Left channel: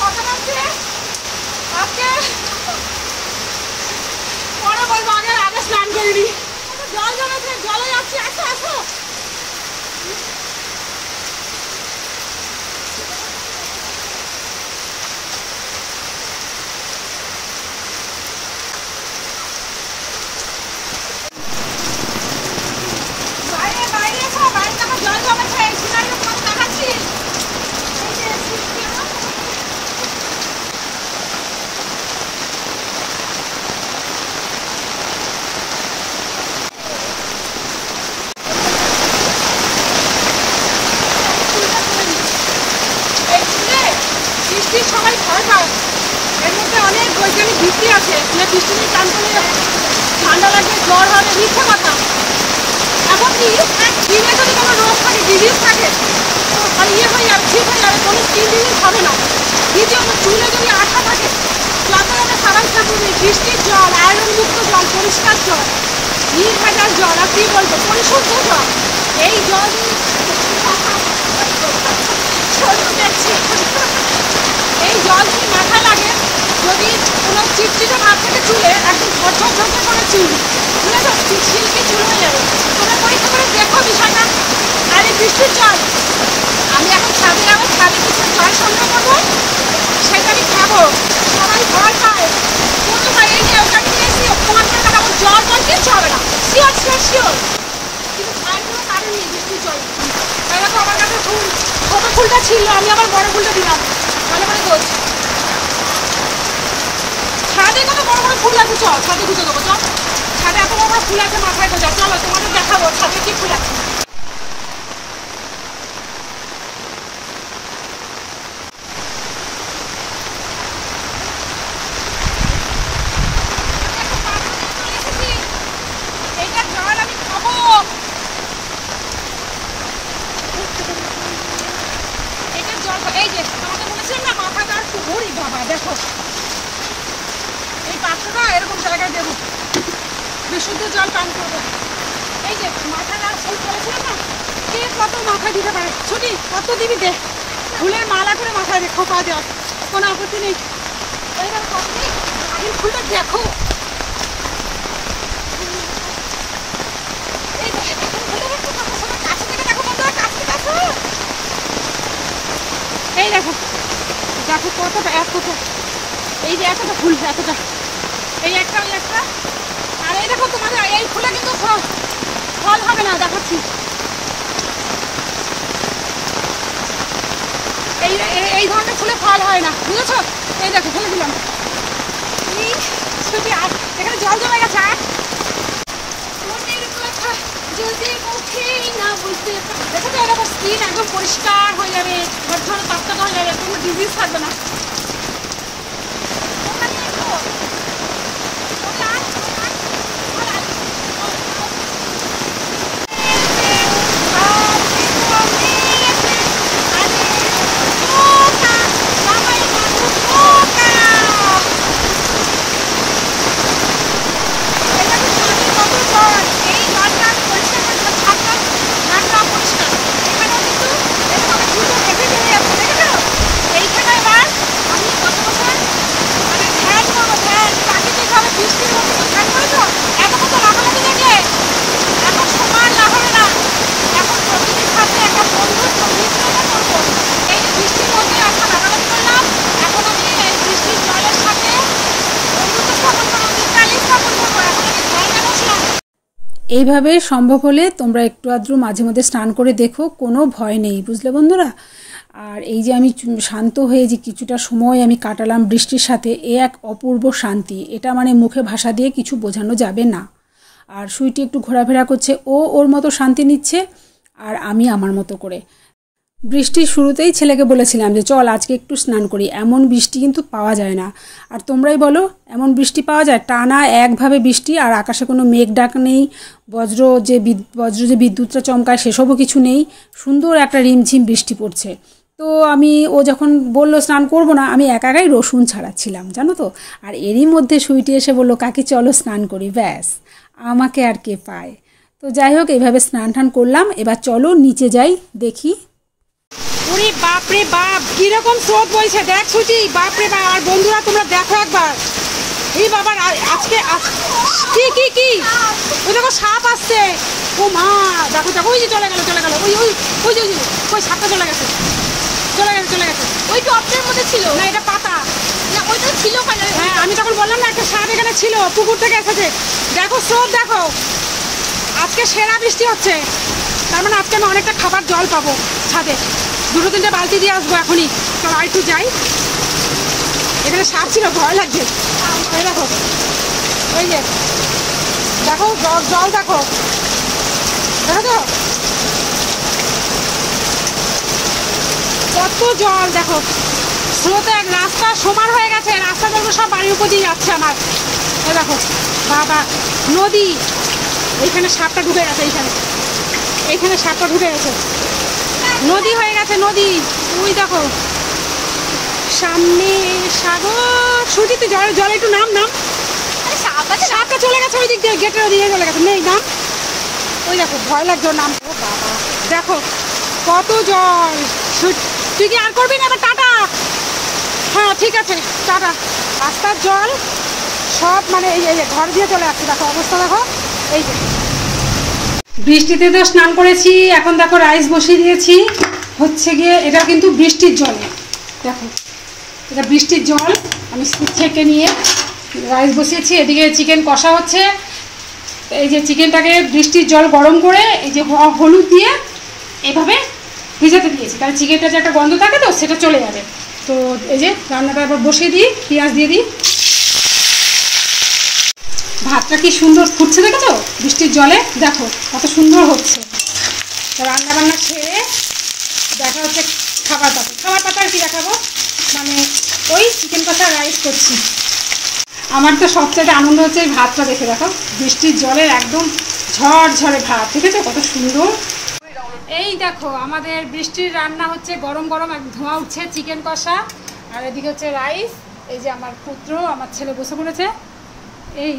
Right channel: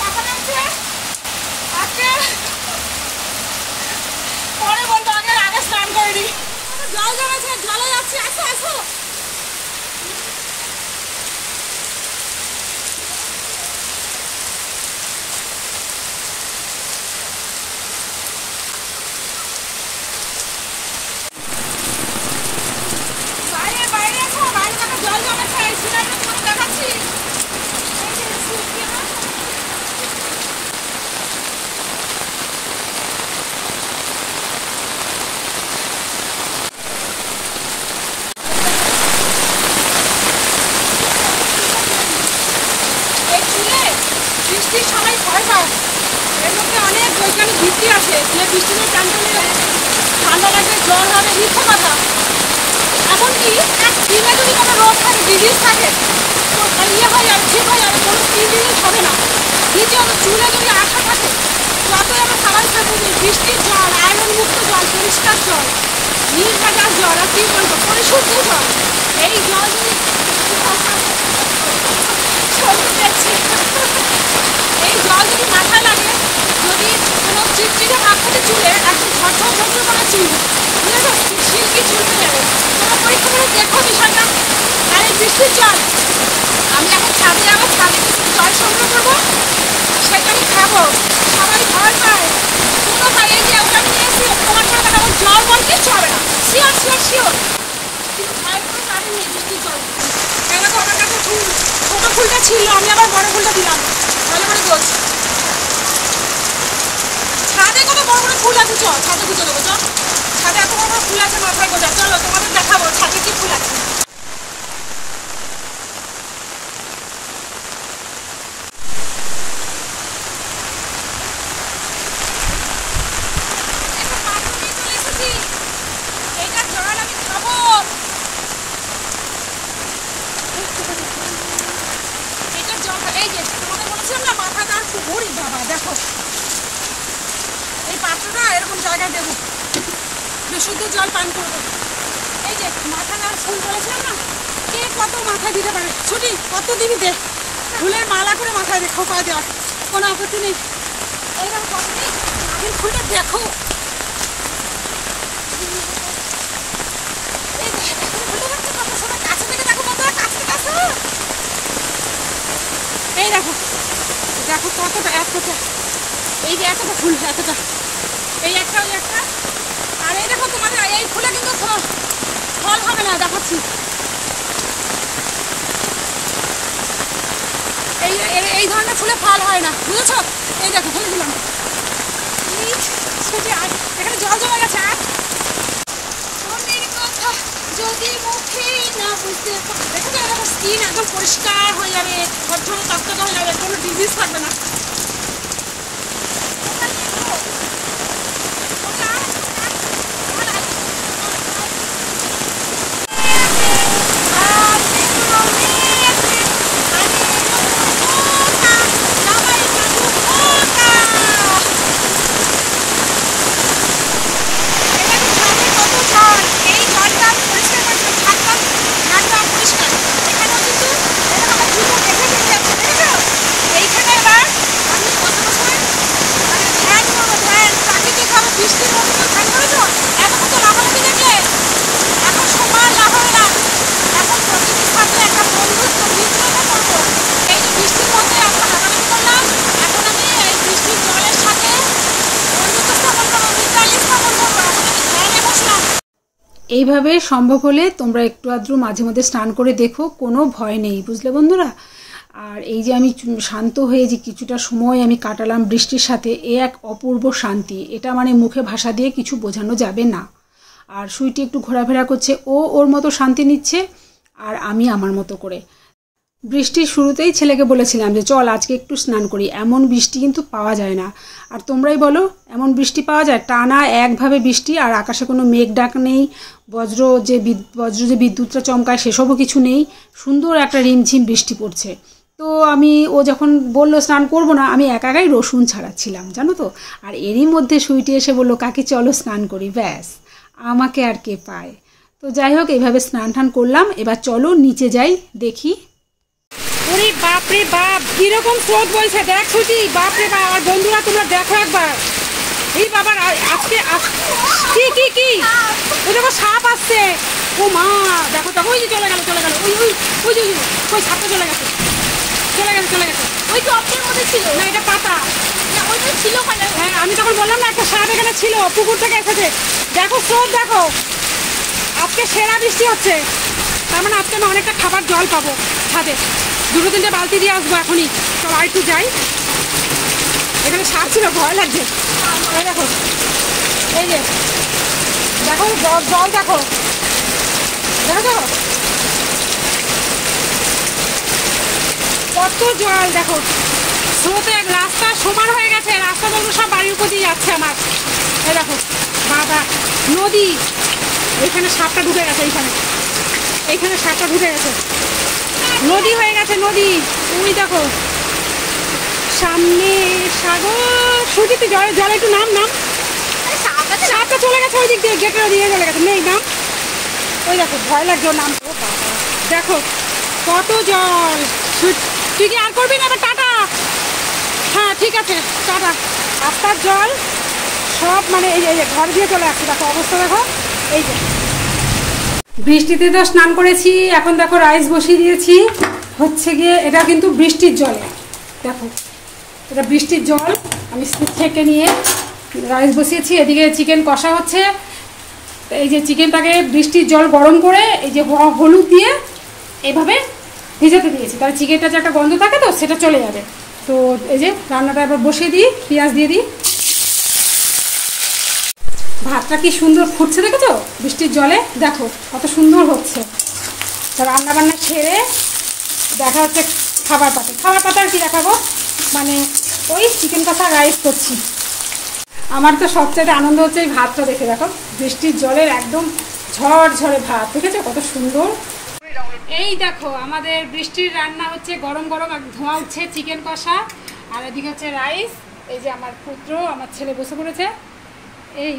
কথা লাগছে আজকে পরে বলবো আগে স্নান করিনি জল জমেছে জলে যাচ্ছি আসো আসো বৃষ্টির সময় ভয় পায় এর মধ্যে অনেক বৈজ্ঞানিক ভিত্তি আছে যে বৃষ্টি নিয়ে চান করলে ঠান্ডা লাগবে জ্বর হবে মিথ্যে কথা এমনকি দিনে যদি কোনো রোগ থাকে ডিজিজ থাকে আর ইয়ে হয়ে যাবে ঠিক হয়ে যাবে কোনো স্কিন ডিজিজ হবে না দ্বিতীয়ত চুলে যদি আঠা থাকে তাতে আমরা সাবান শ্যাম্পু দিই বৃষ্টির জল আয়রনমুক্ত জল পরিষ্কার জল নির্ভেজাল জল আর কী বলবো পরিশুদ্ধ জল এই জল যদি দেখছি এই জল যদি মাথায় লাগে যদি কোনো চিটচিটে ভাব থেকে চুলে একদম ঝরঝর ঝরঝর করে চুল বুঝেছো সিল্কি চুল হয়ে যাবে তোমরা পরীক্ষা করে দেখো বিষয়টা আর এই বৃষ্টির জল আমি এখন ছাদে যাবো ছাদে কিছু জল সংগ্রহ করবো সেটা আমি খাবো সবাই ভয় পায় কোনো ভাই এই যে ওটা নিয়ে এসেছি প্রমাণ করে দেখাবো জল বল কিচ্ছু হবে না শিওর শিওর শিওর কিন্তু ভয় কোনো কারণ নেই বৃষ্টির জল এবার তো আমার কাছে ফুল ছোটো ফুলটা ছিল আমি আবার বড় ফুলটা দিলাম ভালো করে গোছ ছাদে কত বড় বড় ফুল আছে চল ছাদে গুঁজে দেবো চল ছাদে এত বড় বড় ফুল আছে মাথায় গোজা চলো তোমাদের দেখাবো ছাদে কি ফুল আছে এইটা জল আমি খাবো এই যে তোমাকে বলেছিলাম না মাথাটা আর ঘুরি বাবা দেখো এই পাত্রটা এরকম জায়গায় দেবো বিশুদ্ধ জল পান করবো এই যে মাথাটা আর ফুল বলেছিলাম না কে কত মাথায় দিতে পারে ছুটি কত দিবি দে ফুলের মালা করে মাথায় রেখো পা দেওয়ার কোনো আপত্তি নেই এইবার কত নেই আগের ফুলটা দেখো এই ফুলটা দেখছো কত সময় কাছে থেকে দেখো বন্ধুরা কাছে থেকে আসো এই দেখো দেখো কতটা এতটা এই যে এতটা ফুল এতটা এই একটা ওই একটা আর এই দেখো তোমাদের এই ফুলে কিন্তু ফল হবে না দেখাচ্ছি এই এই ধরনের ফুলে ফল হয় না বুঝেছো এই দেখো ফেলে দিলাম আর এখানে জল জমে গেছে আর মনের কথা যদি মুখে না বুঝতে দেখো তো এরকম স্কিন একদম পরিষ্কার হয়ে যাবে ঝরঝর তকতকে হয়ে যাবে কোনো ডিজিজ থাকবে না এইভাবে সম্ভব হলে তোমরা একটু আধটু মাঝে মধ্যে স্নান করে দেখো কোনো ভয় নেই বুঝলে বন্ধুরা আর এই যে আমি শান্ত হয়ে যে কিছুটা সময় আমি কাটালাম বৃষ্টির সাথে এ এক অপূর্ব শান্তি এটা মানে মুখে ভাষা দিয়ে কিছু বোঝানো যাবে না আর সুইটি একটু ঘোরাফেরা করছে ও ওর মতো শান্তি নিচ্ছে আর আমি আমার মতো করে বৃষ্টির শুরুতেই ছেলেকে বলেছিলাম যে চল আজকে একটু স্নান করি এমন বৃষ্টি কিন্তু পাওয়া যায় না আর তোমরাই বলো এমন বৃষ্টি পাওয়া যায় টানা একভাবে বৃষ্টি আর আকাশে কোনো মেঘ ডাক নেই বজ্র যে বিদ্যুৎটা চমকায় সেসবও কিছু নেই সুন্দর একটা রিমঝিম বৃষ্টি পড়ছে তো আমি ও যখন বললো স্নান করব না আমি একাই রসুন ছাড়াচ্ছিলাম জানো তো আর এরই মধ্যে সুইটি এসে বললো কাকি চলো স্নান করি ব্যাস আমাকে আর কে পায় তো যাই হোক এইভাবে স্নান টান করলাম এবার চলো নিচে যাই দেখি ওরে বাপরে বাপ, কিরকম স্রোত বইছে দেখ সুচি, বাপরে বাপ। আর বন্ধুরা তোমরা দেখো একবার, এই বাবার আজকে কি কি কি ওই দেখো সাপ আসছে। ও মা, দেখো দেখো, ওই যে চলে গেল চলে গেল, ওই ওই ওই যে ওই সাপটা চলে গেছে চলে গেছে চলে গেছে। ওই টপের মধ্যে ছিল না, এটা পাতা। ওইটা ছিল, হ্যাঁ আমি তখন বললাম না একটা সাপ এখানে ছিল, পুকুর থেকে এসেছে। দেখো স্রোত দেখো, আজকে সেরা বৃষ্টি হচ্ছে, তার মানে আজকে আমি অনেকটা খাবার জল পাবো ছাদে। 2-3টে বালতি দিয়ে আসবো এখনই। চল আর একটু যাই, এখানে সাপ ছিল, ভয় লাগছে। এই দেখো, এই যে দেখো জল দেখো, দেখো তো কত জল। দেখো স্রোতে রাস্তা সমান হয়ে গেছে, রাস্তা জলগুলো সব বাড়ির উপর দিয়ে যাচ্ছে আমার। এই দেখো বাবা, নদী। এইখানে সাপটা ঢুকে গেছে, এইখানে সাপটা ঢুকে গেছে, নদী হয়ে গেছে নদী। ওই দেখো সামনে সাগর। সুজি তুই জলে একটু নাম। সাপটা চলে গেছে ওই দিক দিয়ে, গেটের ওদিকে চলে গেছে, নেই নাম। ওই দেখো ভয় লাগছে নাম। ও বাবা দেখো কত জল। তুই কি আর করবি না? এবার টাটা। হ্যাঁ ঠিক আছে, টাটা। রাস্তার জল সব মানে এই যে ঘর দিয়ে চলে আসছে, দেখো অবস্থা দেখো। এই যে বৃষ্টিতে তো স্নান করেছি, এখন দেখো রাইস বসিয়ে দিয়েছি। হচ্ছে গিয়ে এটা কিন্তু বৃষ্টির জলে, দেখো এটা বৃষ্টির জল। আমি ছেঁকে নিয়ে রাইস বসিয়েছি, এদিকে চিকেন কষা হচ্ছে। এই যে চিকেনটাকে বৃষ্টির জল গরম করে এই যে হলুদ দিয়ে এভাবে ভিজাতে দিয়েছি, তাহলে চিকেনটা যে একটা গন্ধ থাকে তো সেটা চলে যাবে। তো এই যে রান্নাটা এবার বসিয়ে দিই, পেঁয়াজ দিয়ে দিই। ভাতটা কি সুন্দর ফুটছে দেখেছো বৃষ্টির জলে, দেখো কত সুন্দর হচ্ছে। তো রান্নাবান্না ছেড়ে দেখা হচ্ছে খাবার পাতা আর কি দেখাবো, মানে ওই চিকেন কষা রাইস করছি। আমার তো সবচেয়ে আনন্দ হচ্ছে এই ভাতটা দেখে, দেখো বৃষ্টির জলের একদম ঝরঝরে ভাত, দেখেছো কত সুন্দর। এই দেখো আমাদের বৃষ্টির রান্না হচ্ছে, গরম গরম ধোঁয়া উঠছে চিকেন কষা, আর এদিকে হচ্ছে রাইস। এই যে আমার পুত্র আমার ছেলে বসে পড়েছে এই